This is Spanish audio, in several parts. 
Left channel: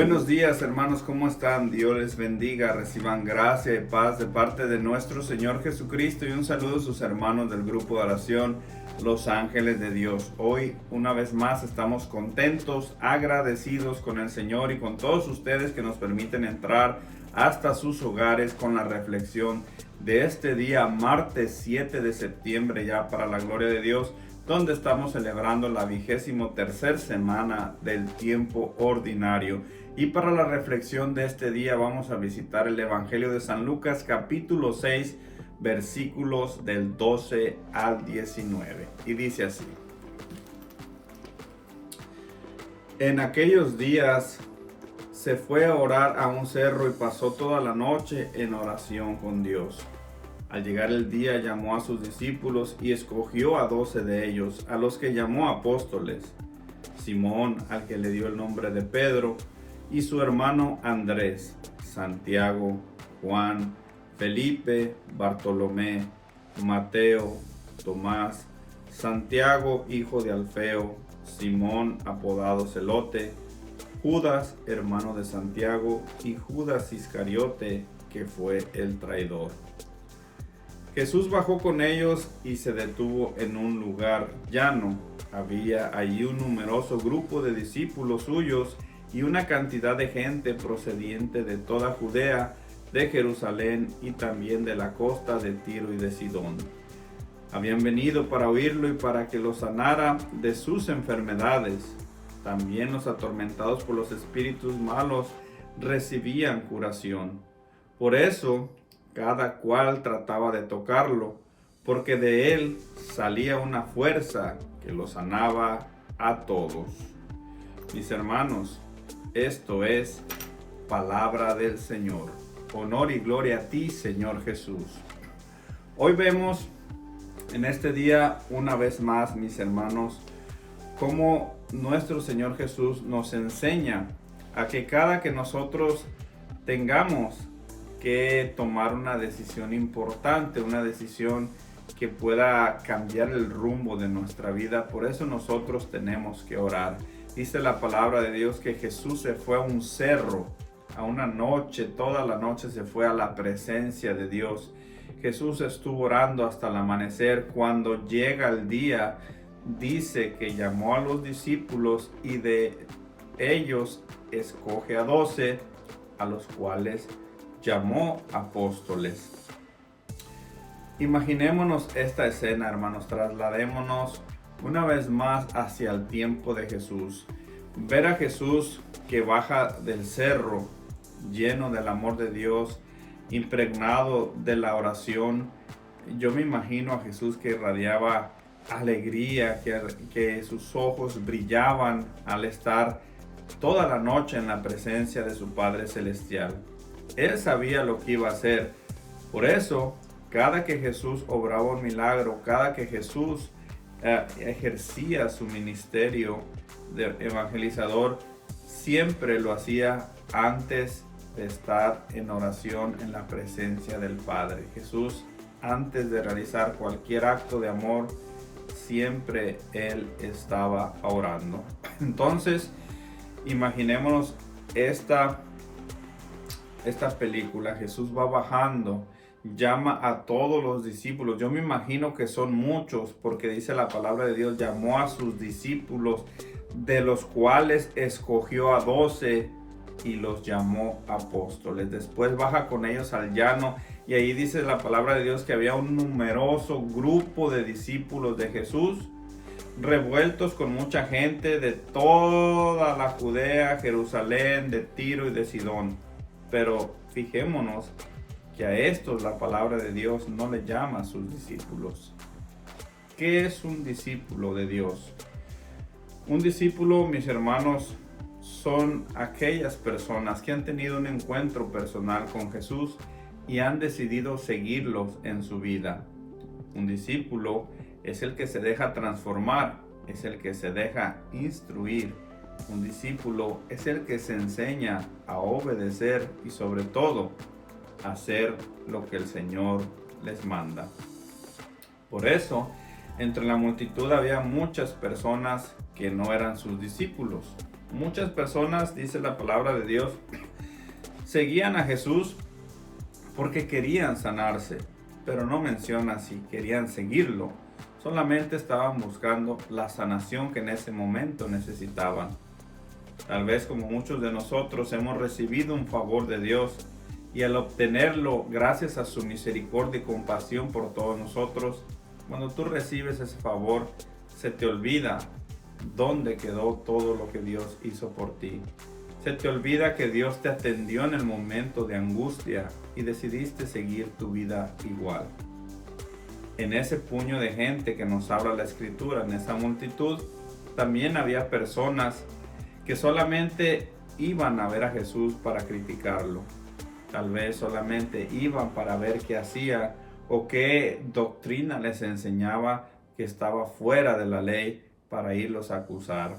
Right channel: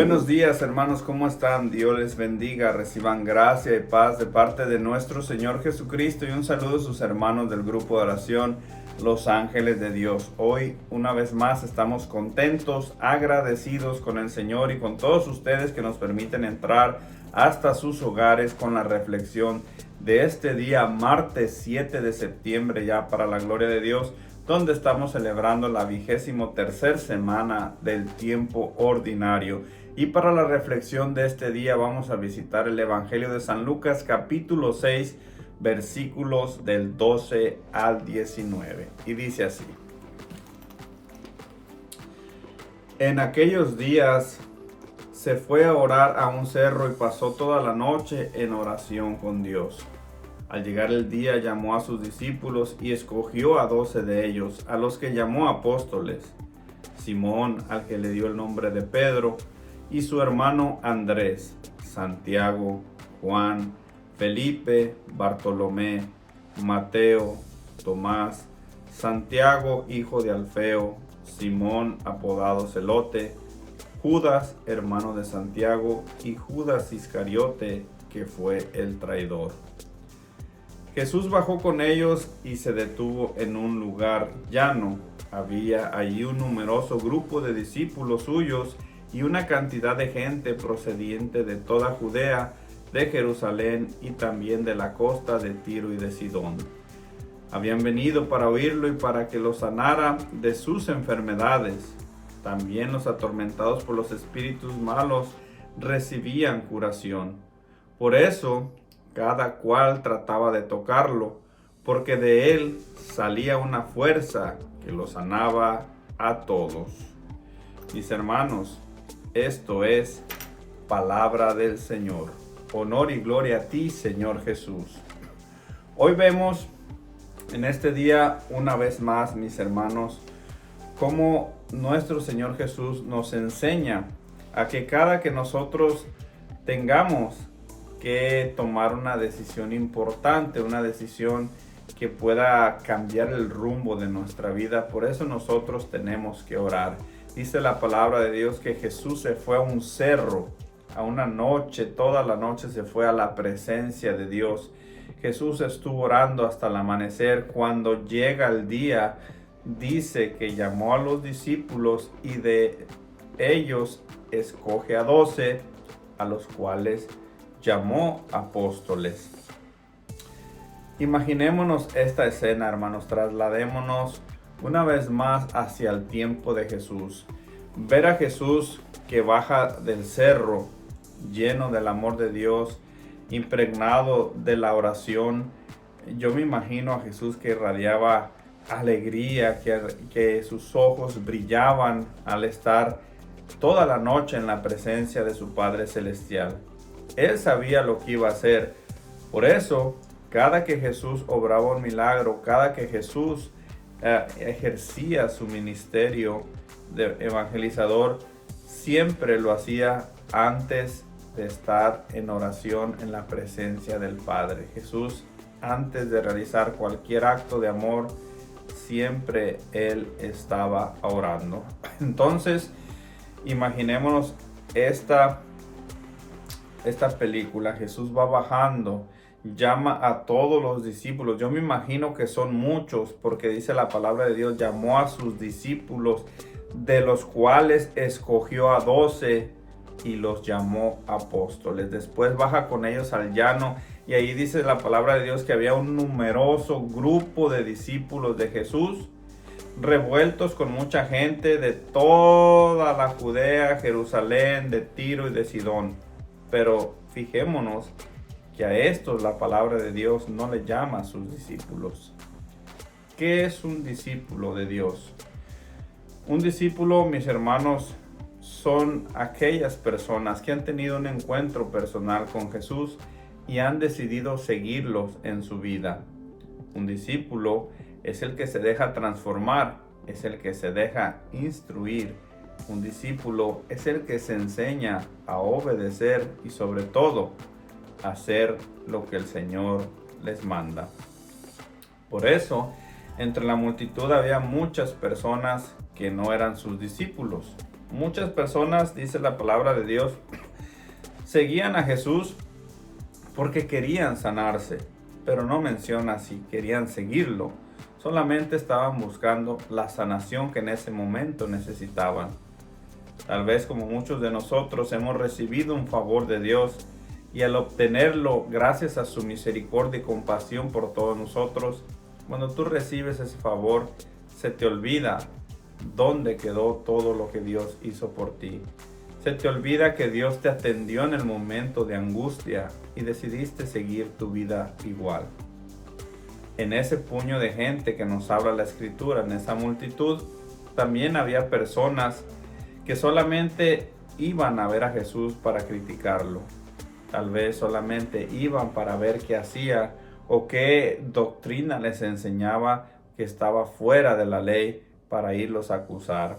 Buenos días, hermanos, ¿cómo están? Dios les bendiga, reciban gracia y paz de parte de nuestro Señor Jesucristo y un saludo a sus hermanos del grupo de oración Los Ángeles de Dios. Hoy, una vez más, estamos contentos, agradecidos con el Señor y con todos ustedes que nos permiten entrar hasta sus hogares con la reflexión de este día, martes 7 de septiembre, ya para la gloria de Dios, donde estamos celebrando la 23ª semana del tiempo ordinario. Y para la reflexión de este día vamos a visitar el Evangelio de San Lucas, capítulo 6, versículos del 12 al 19. Y dice así: En aquellos días se fue a orar a un cerro y pasó toda la noche en oración con Dios. Al llegar el día llamó a sus discípulos y escogió a 12 de ellos, a los que llamó apóstoles: Simón, al que le dio el nombre de Pedro, y su hermano Andrés, Santiago, Juan, Felipe, Bartolomé, Mateo, Tomás, Santiago, hijo de Alfeo, Simón, apodado Celote, Judas, hermano de Santiago, y Judas Iscariote, que fue el traidor. Jesús bajó con ellos y se detuvo en un lugar llano. Había allí un numeroso grupo de discípulos suyos y una cantidad de gente procediente de toda Judea, de Jerusalén y también de la costa de Tiro y de Sidón. Habían venido para oírlo y para que los sanara de sus enfermedades. También los atormentados por los espíritus malos recibían curación. Por eso, cada cual trataba de tocarlo, porque de él salía una fuerza que lo sanaba a todos. Mis hermanos, esto es palabra del Señor. Honor y gloria a ti, Señor Jesús. Hoy vemos en este día, una vez más, mis hermanos, cómo nuestro Señor Jesús nos enseña a que cada que nosotros tengamos que tomar una decisión importante, una decisión que pueda cambiar el rumbo de nuestra vida, por eso nosotros tenemos que orar. Dice la palabra de Dios que Jesús se fue a un cerro, a una noche, toda la noche se fue a la presencia de Dios. Jesús estuvo orando hasta el amanecer. Cuando llega el día, dice que llamó a los discípulos y de ellos escoge a 12, a los cuales llamó apóstoles. Imaginémonos esta escena, hermanos, trasladémonos una vez más hacia el tiempo de Jesús. Ver a Jesús que baja del cerro, lleno del amor de Dios, impregnado de la oración. Yo me imagino a Jesús que irradiaba alegría, que sus ojos brillaban al estar toda la noche en la presencia de su Padre Celestial. Él sabía lo que iba a hacer. Por eso, cada que Jesús obraba un milagro, cada que Jesús ejercía su ministerio de evangelizador, siempre lo hacía antes de estar en oración en la presencia del Padre. Jesús, antes de realizar cualquier acto de amor, siempre Él estaba orando. Entonces, imaginémonos esta película. Jesús va bajando, llama a todos los discípulos. Yo me imagino que son muchos, porque dice la palabra de Dios, llamó a sus discípulos, de los cuales escogió a 12 y los llamó apóstoles. Después baja con ellos al llano y ahí dice la palabra de Dios que había un numeroso grupo de discípulos de Jesús, revueltos con mucha gente de toda la Judea, Jerusalén, de Tiro y de Sidón. Pero fijémonos que a estos la palabra de Dios no le llama a sus discípulos. ¿Qué es un discípulo de Dios? Un discípulo, mis hermanos, son aquellas personas que han tenido un encuentro personal con Jesús y han decidido seguirlos en su vida. Un discípulo es el que se deja transformar, es el que se deja instruir. Un discípulo es el que se enseña a obedecer y sobre todo a hacer lo que el Señor les manda. Por eso, entre la multitud había muchas personas que no eran sus discípulos. Muchas personas, dice la palabra de Dios, seguían a Jesús porque querían sanarse, pero no menciona si querían seguirlo. Solamente estaban buscando la sanación que en ese momento necesitaban. Tal vez como muchos de nosotros hemos recibido un favor de Dios y al obtenerlo gracias a su misericordia y compasión por todos nosotros, cuando tú recibes ese favor, se te olvida dónde quedó todo lo que Dios hizo por ti. Se te olvida que Dios te atendió en el momento de angustia y decidiste seguir tu vida igual. En ese puño de gente que nos habla la Escritura, en esa multitud, también había personas que solamente iban a ver a Jesús para criticarlo. Tal vez solamente iban para ver qué hacía o qué doctrina les enseñaba que estaba fuera de la ley para irlos a acusar.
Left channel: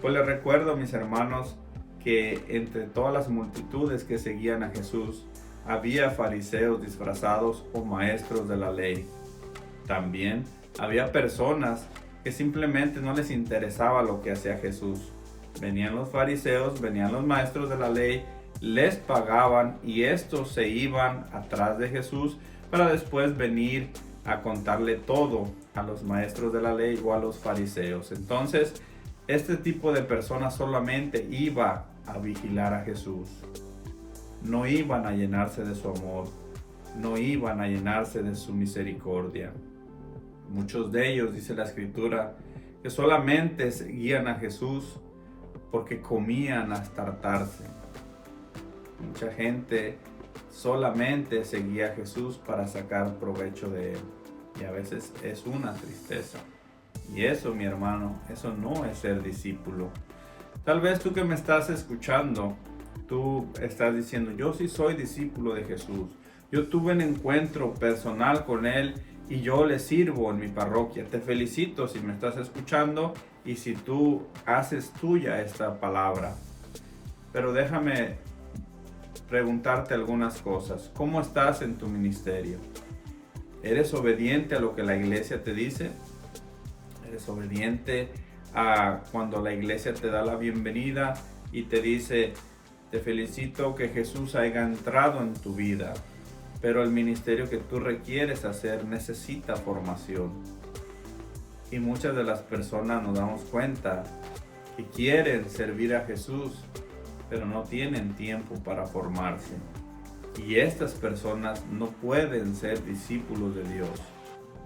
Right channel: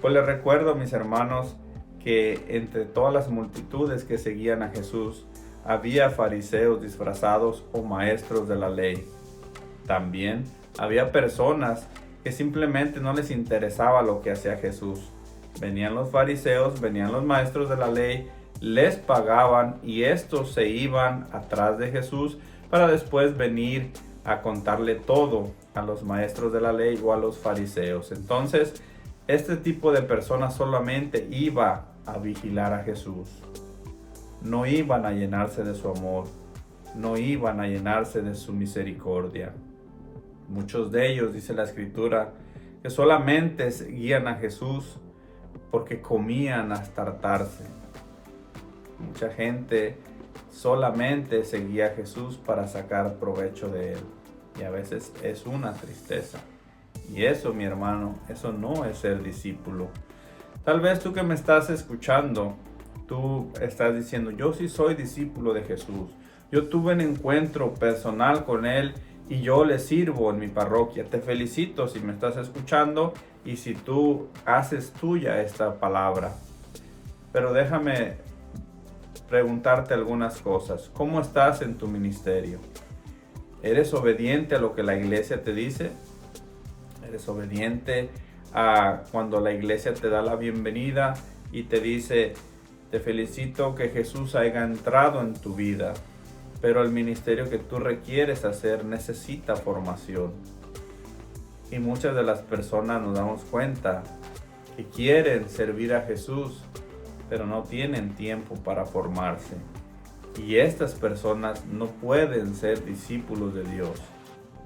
Pues les recuerdo, mis hermanos, que entre todas las multitudes que seguían a Jesús, había fariseos disfrazados o maestros de la ley. También había personas que simplemente no les interesaba lo que hacía Jesús. Venían los fariseos, venían los maestros de la ley, les pagaban y estos se iban atrás de Jesús para después venir a contarle todo a los maestros de la ley o a los fariseos. Entonces, este tipo de personas solamente iba a vigilar a Jesús. No iban a llenarse de su amor, no iban a llenarse de su misericordia. Muchos de ellos, dice la Escritura, que solamente seguían a Jesús porque comían hasta hartarse. Mucha gente solamente seguía a Jesús para sacar provecho de él. Y a veces es una tristeza. Y eso, mi hermano, eso no es ser discípulo. Tal vez tú que me estás escuchando, tú estás diciendo, yo sí soy discípulo de Jesús. Yo tuve un encuentro personal con él y yo le sirvo en mi parroquia. Te felicito si me estás escuchando y si tú haces tuya esta palabra. Pero déjame preguntarte algunas cosas. ¿Cómo estás en tu ministerio? ¿Eres obediente a lo que la iglesia te dice? ¿Eres obediente a cuando la iglesia te da la bienvenida y te dice, te felicito que Jesús haya entrado en tu vida, pero el ministerio que tú requieres hacer necesita formación? Y muchas de las personas nos damos cuenta que quieren servir a Jesús, pero no tienen tiempo para formarse. Y estas personas no pueden ser discípulos de Dios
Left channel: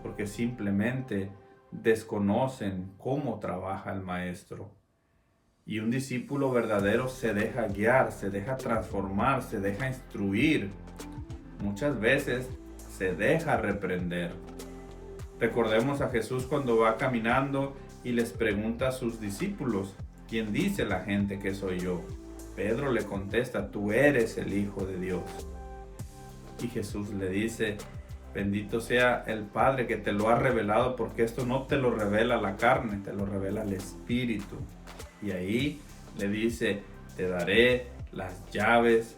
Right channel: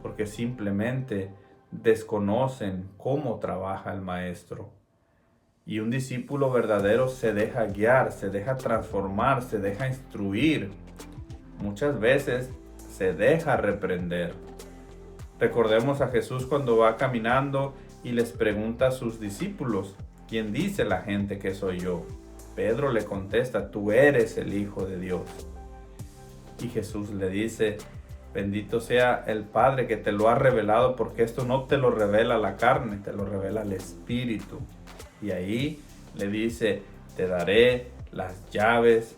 porque simplemente desconocen cómo trabaja el Maestro. Y un discípulo verdadero se deja guiar, se deja transformar, se deja instruir. Muchas veces se deja reprender. Recordemos a Jesús cuando va caminando y les pregunta a sus discípulos, ¿quién dice la gente que soy yo? Pedro le contesta, tú eres el Hijo de Dios. Y Jesús le dice, bendito sea el Padre que te lo ha revelado, porque esto no te lo revela la carne, te lo revela el Espíritu. Y ahí le dice, te daré las llaves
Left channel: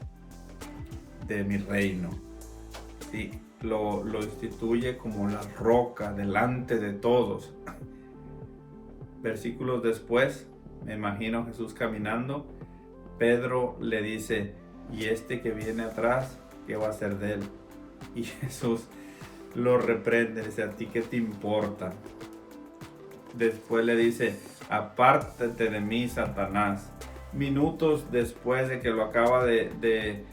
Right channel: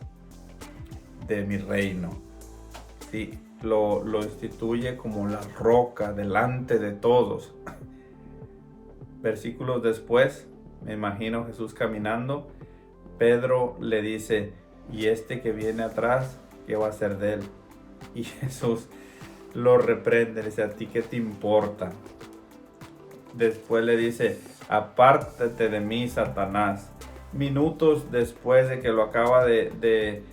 de mi reino. Sí, lo instituye como la roca delante de todos. Versículos después, me imagino Jesús caminando, Pedro le dice, ¿y este que viene atrás, qué va a hacer de él? Y Jesús lo reprende, dice, ¿a ti qué te importa? Después le dice, apártate de mí, Satanás. Minutos después de que lo acaba de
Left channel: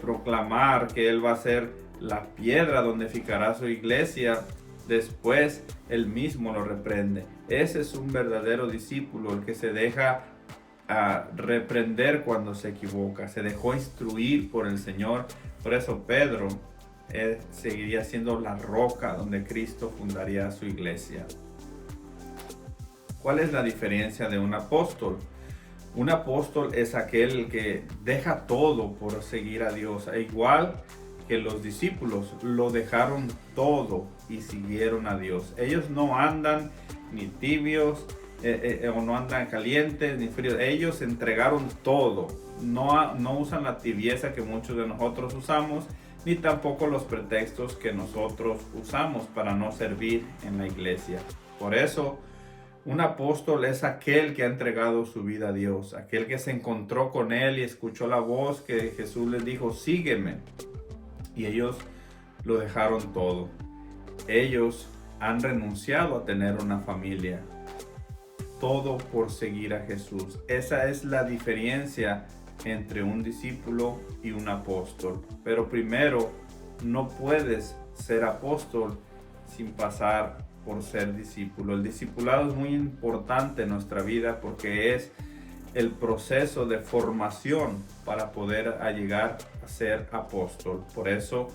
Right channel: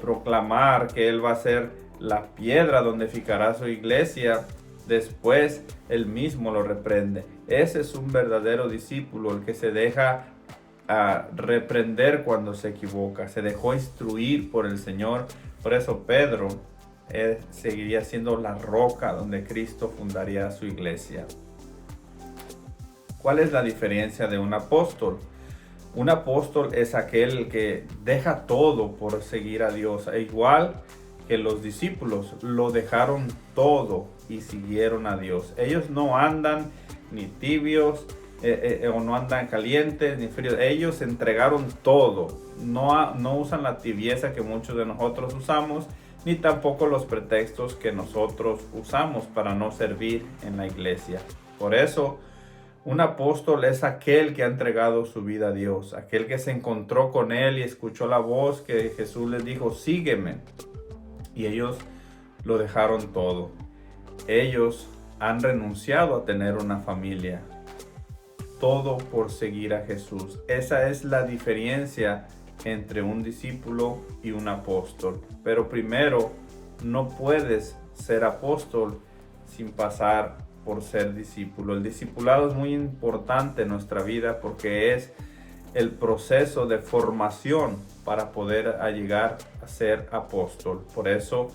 proclamar que él va a ser la piedra donde fijará su iglesia, después él mismo lo reprende. Ese es un verdadero discípulo, el que se deja reprender cuando se equivoca, se dejó instruir por el Señor. Por eso Pedro seguiría siendo la roca donde Cristo fundaría su iglesia. ¿Cuál es la diferencia de un apóstol? Un apóstol es aquel que deja todo por seguir a Dios, igual que los discípulos lo dejaron todo y siguieron a Dios. Ellos no andan ni tibios o no andan calientes ni fríos. Ellos entregaron todo. No usan la tibieza que muchos de nosotros usamos, ni tampoco los pretextos que nosotros usamos para no servir en la iglesia. Por eso Un apóstol es aquel que ha entregado su vida a Dios, aquel que se encontró con Él y escuchó la voz que Jesús les dijo, sígueme. Y ellos lo dejaron todo. Ellos han renunciado a tener una familia. Todo por seguir a Jesús. Esa es la diferencia entre un discípulo y un apóstol. Pero primero, no puedes ser apóstol sin pasar por ser discípulo. El discipulado es muy importante en nuestra vida porque es el proceso de formación para poder llegar a ser apóstol. Por eso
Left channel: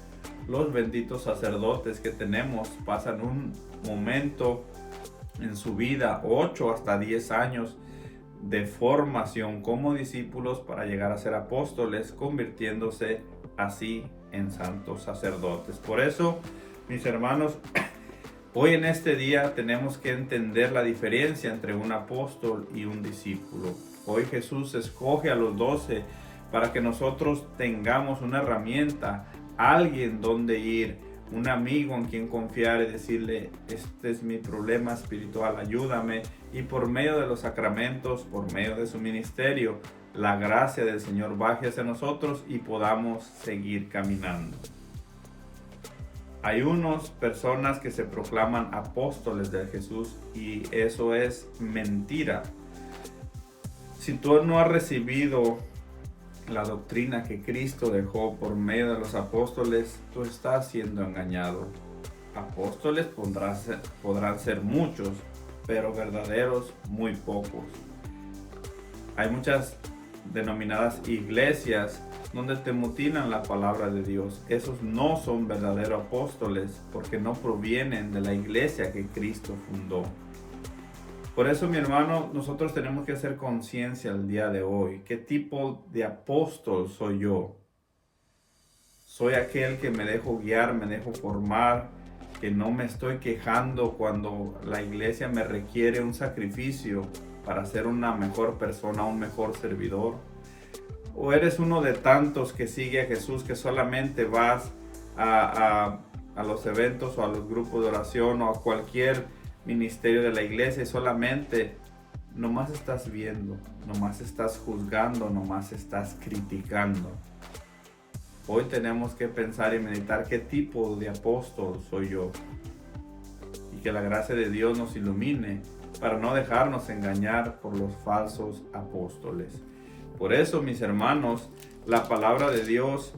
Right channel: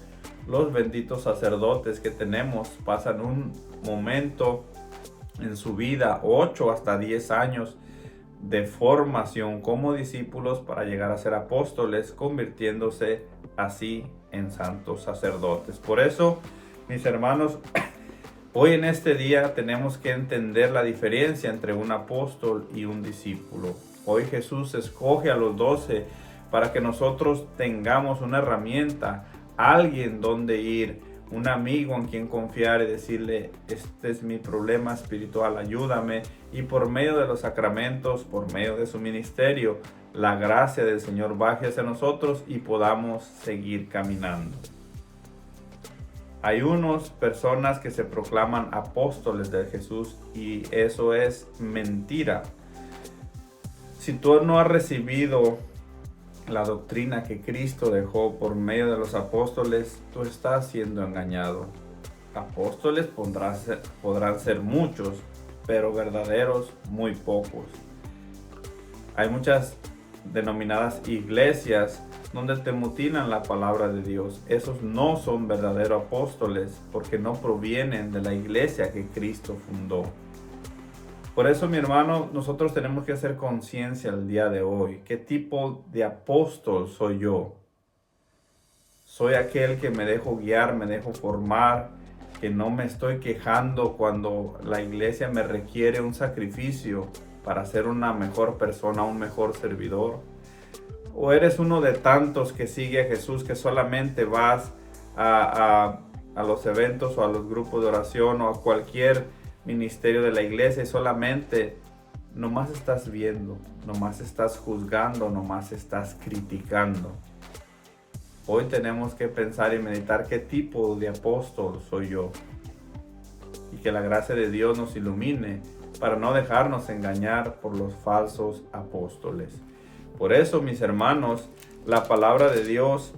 los benditos sacerdotes que tenemos pasan un momento en su vida, 8 hasta 10 años de formación como discípulos para llegar a ser apóstoles, convirtiéndose así en santos sacerdotes. Por eso, mis hermanos, hoy en este día tenemos que entender la diferencia entre un apóstol y un discípulo. Hoy Jesús escoge a los 12 para que nosotros tengamos una herramienta, alguien donde ir, un amigo en quien confiar y decirle, este es mi problema espiritual, ayúdame. Y por medio de los sacramentos, por medio de su ministerio, la gracia del Señor baje hacia nosotros y podamos seguir caminando. Hay unas personas que se proclaman apóstoles de Jesús y eso es mentira. Si tú no has recibido la doctrina que Cristo dejó por medio de los apóstoles, tú estás siendo engañado. Apóstoles podrán ser muchos, pero verdaderos muy pocos. Hay muchas denominadas iglesias donde te mutilan la palabra de Dios. Esos no son verdaderos apóstoles porque no provienen de la iglesia que Cristo fundó. Por eso, mi hermano, nosotros tenemos que hacer conciencia el día de hoy. ¿Qué tipo de apóstol soy yo? Soy aquel que me dejo guiar, me dejo formar, que no me estoy quejando cuando la iglesia me requiere un sacrificio para ser una mejor persona, un mejor servidor. ¿O eres uno de tantos que sigue a Jesús, que solamente vas a los eventos o a los grupos de oración o a cualquier ministerio de la iglesia y solamente nomás estás viendo, nomás estás juzgando, nomás estás criticando? Hoy tenemos que pensar y meditar qué tipo de apóstol soy yo y que la gracia de Dios nos ilumine para no dejarnos engañar por los falsos apóstoles. Por eso, mis hermanos, la palabra de Dios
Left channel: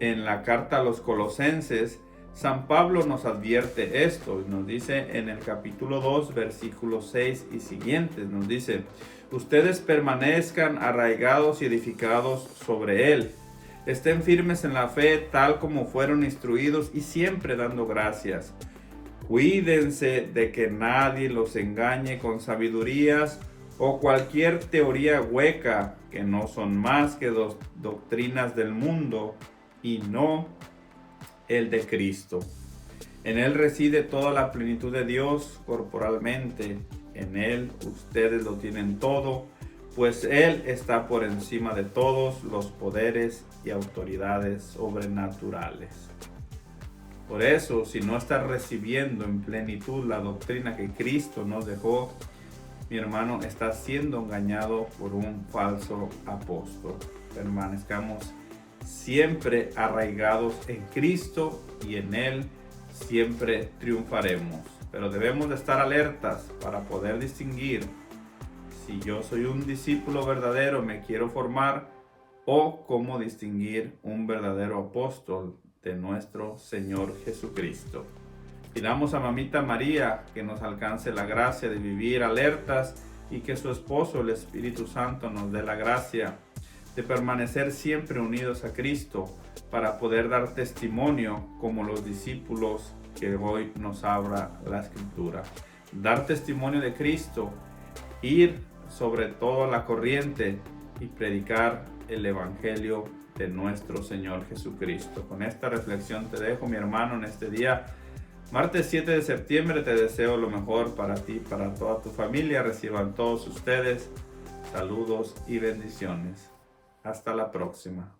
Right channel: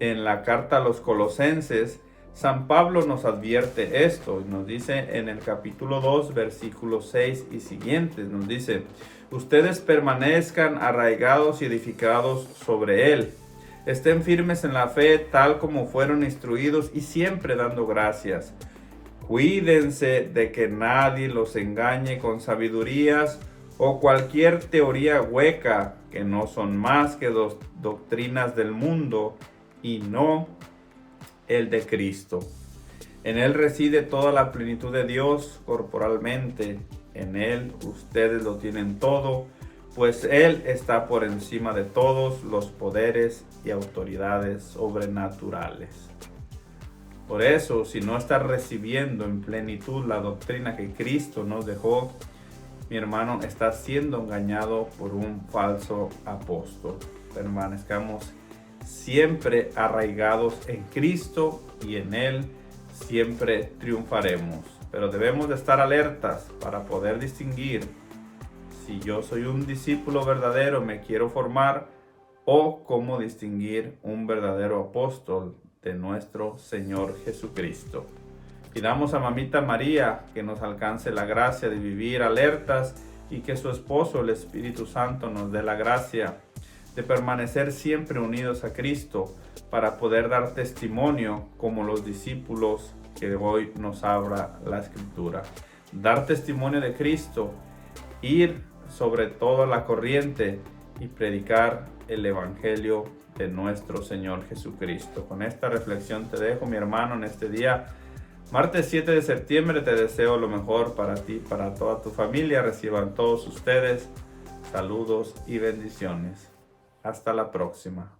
en la carta a los Colosenses, San Pablo nos advierte esto, nos dice en el capítulo 2, versículos 6 y siguientes, nos dice, ustedes permanezcan arraigados y edificados sobre él, estén firmes en la fe tal como fueron instruidos y siempre dando gracias. Cuídense de que nadie los engañe con sabidurías o cualquier teoría hueca que no son más que doctrinas del mundo y no el de Cristo. En Él reside toda la plenitud de Dios corporalmente. En Él ustedes lo tienen todo, pues Él está por encima de todos los poderes y autoridades sobrenaturales. Por eso, si no estás recibiendo en plenitud la doctrina que Cristo nos dejó, mi hermano, estás siendo engañado por un falso apóstol. Permanezcamos siempre arraigados en Cristo y en Él siempre triunfaremos. Pero debemos de estar alertas para poder distinguir si yo soy un discípulo verdadero, me quiero formar, o cómo distinguir un verdadero apóstol de nuestro Señor Jesucristo. Pidamos a Mamita María que nos alcance la gracia de vivir alertas y que su esposo, el Espíritu Santo, nos dé la gracia de permanecer siempre unidos a Cristo para poder dar testimonio como los discípulos que hoy nos habla la Escritura. Dar testimonio de Cristo, ir sobre toda la corriente y predicar el Evangelio de nuestro Señor Jesucristo. Con esta reflexión te dejo, mi hermano, en este día, martes 7 de septiembre. Te deseo lo mejor para ti, para toda tu familia. Reciban todos ustedes saludos y bendiciones. Hasta la próxima.